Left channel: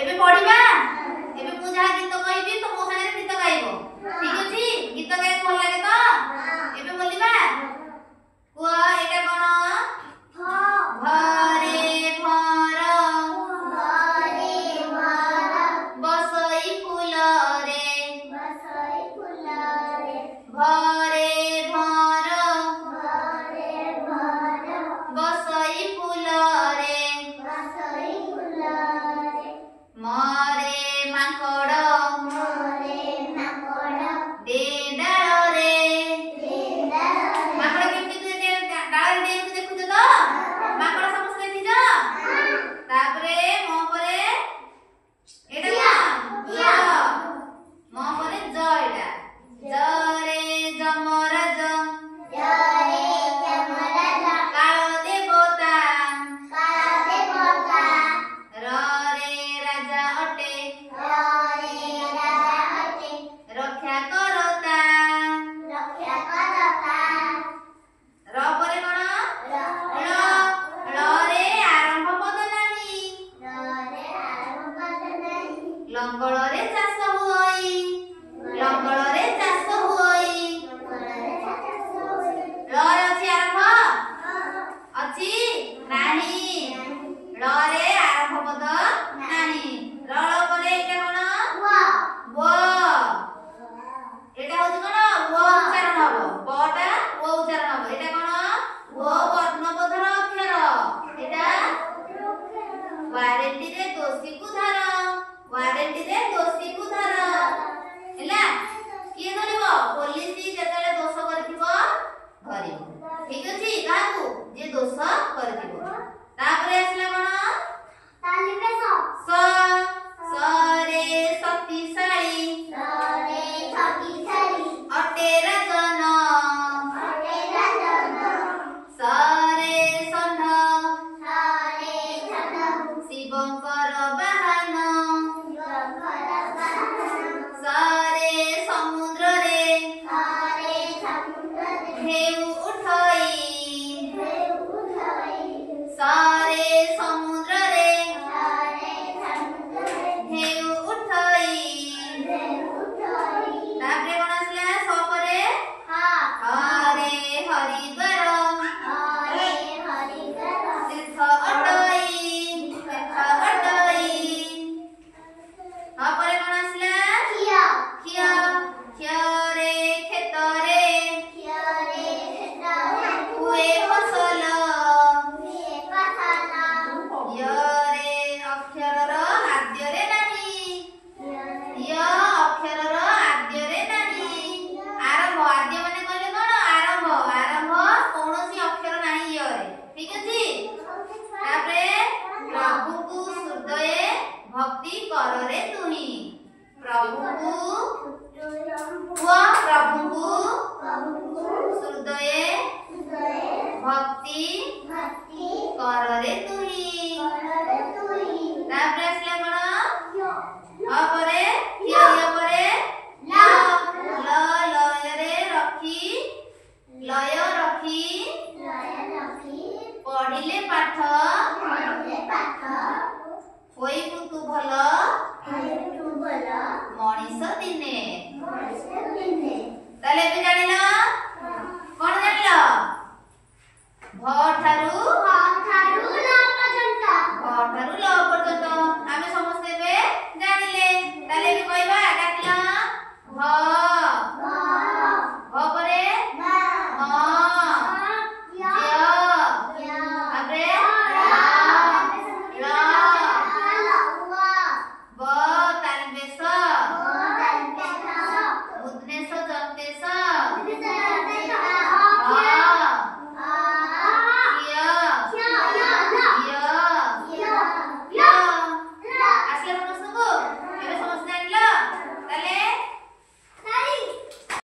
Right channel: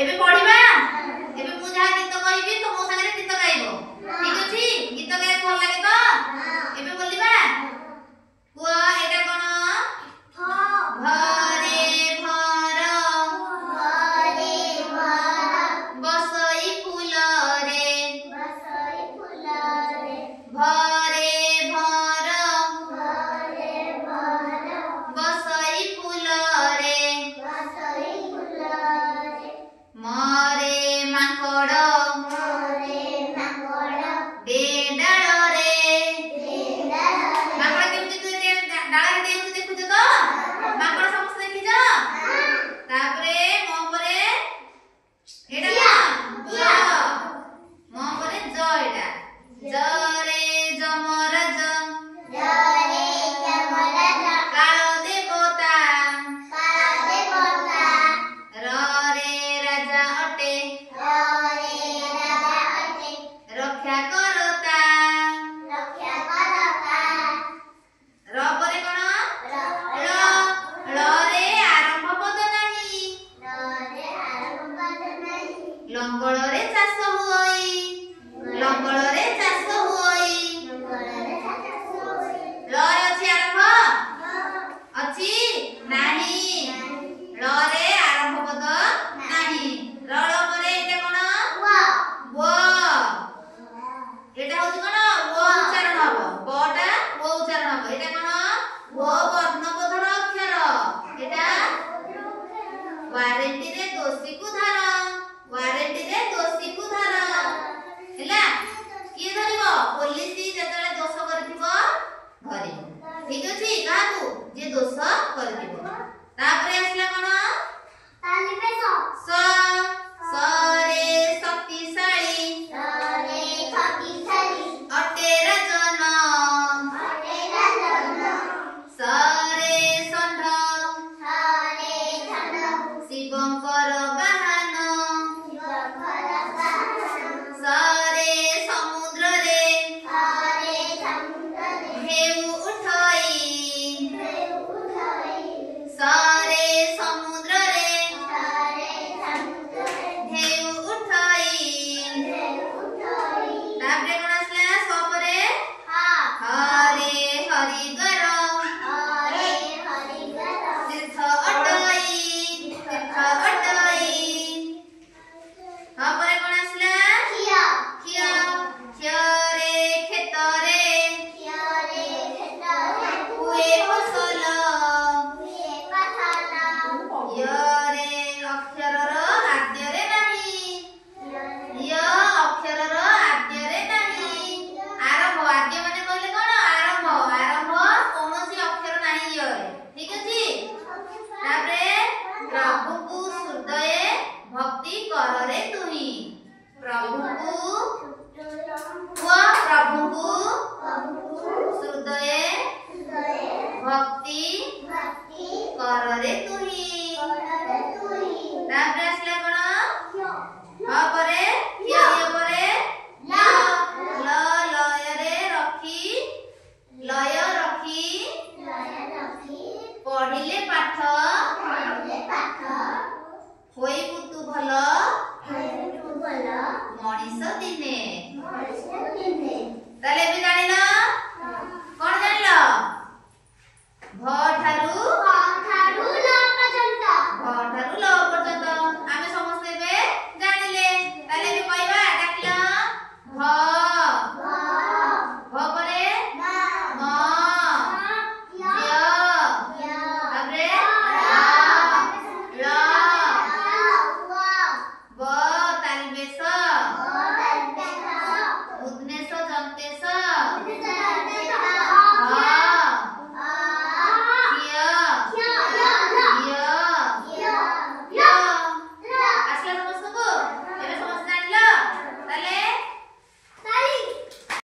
एबे पढ़िबा एबे मु जहा गीत कहबी तो मो संगे गीत गाइबो ठीक अछि गीत गाइबो भल लागे तो एबे बोलिबा को एटा कोन घरे भर बसई फूल रे घरे भर बसई फूल रे मरे माकड़ डेडाल रे माकड़ केमती डाल रे देखु तो माकड़ समस्त देखि जा तापरे मो परे एटा ज मो परे ज एटा ज रे जमराज काल देवता र रे राजा अटे रक्षा करता र परे कोन ल रे आरंभ पद नाही लंगल रे चाष होई लंगल रे चाष होई ल रे अछि आरंभ अछि नाही ल रे आरंभ पद नाही र ल परे एटा कोन व एटा होछि कोन व उच्चारण हबो बटा व उच्चारण हबो एटा कोन व वर्णबोधन अक्षर एटा वारेंटी रे दोषी को धर वारेंटी रे दोषी को धर हैला किए धरिबो पुलिस जेतले दोष करथिबो धरिबो ठीक अछि काहू जे दोष करथिबो तापरे आसला कोन स स रे शक्तिशाली अटे राजन स रे षण्ढ शिवंकर बाहन स रे समुद्र रे ढेउ उठई स रे समुद्र रे ढेउ उठई तापरे कोन आसला स परे हरे हरिद्वार तीर्थ अटई हा परे कोन आसला खिया रे खेत रे हुए फसल य रे अक्षर र आद्य रे नाही य अक्षर र आद्य रे नाही आरंभ आद्य माने कहले कोन आरंभ कोनोसी अक्षर नाही य रे ठीक अछि तापरे प्रभु को हृदय भक्ति कर रे तुही प्रभु को हृदय भक्ति कर रे तुही तापरे आसला कोन हा परे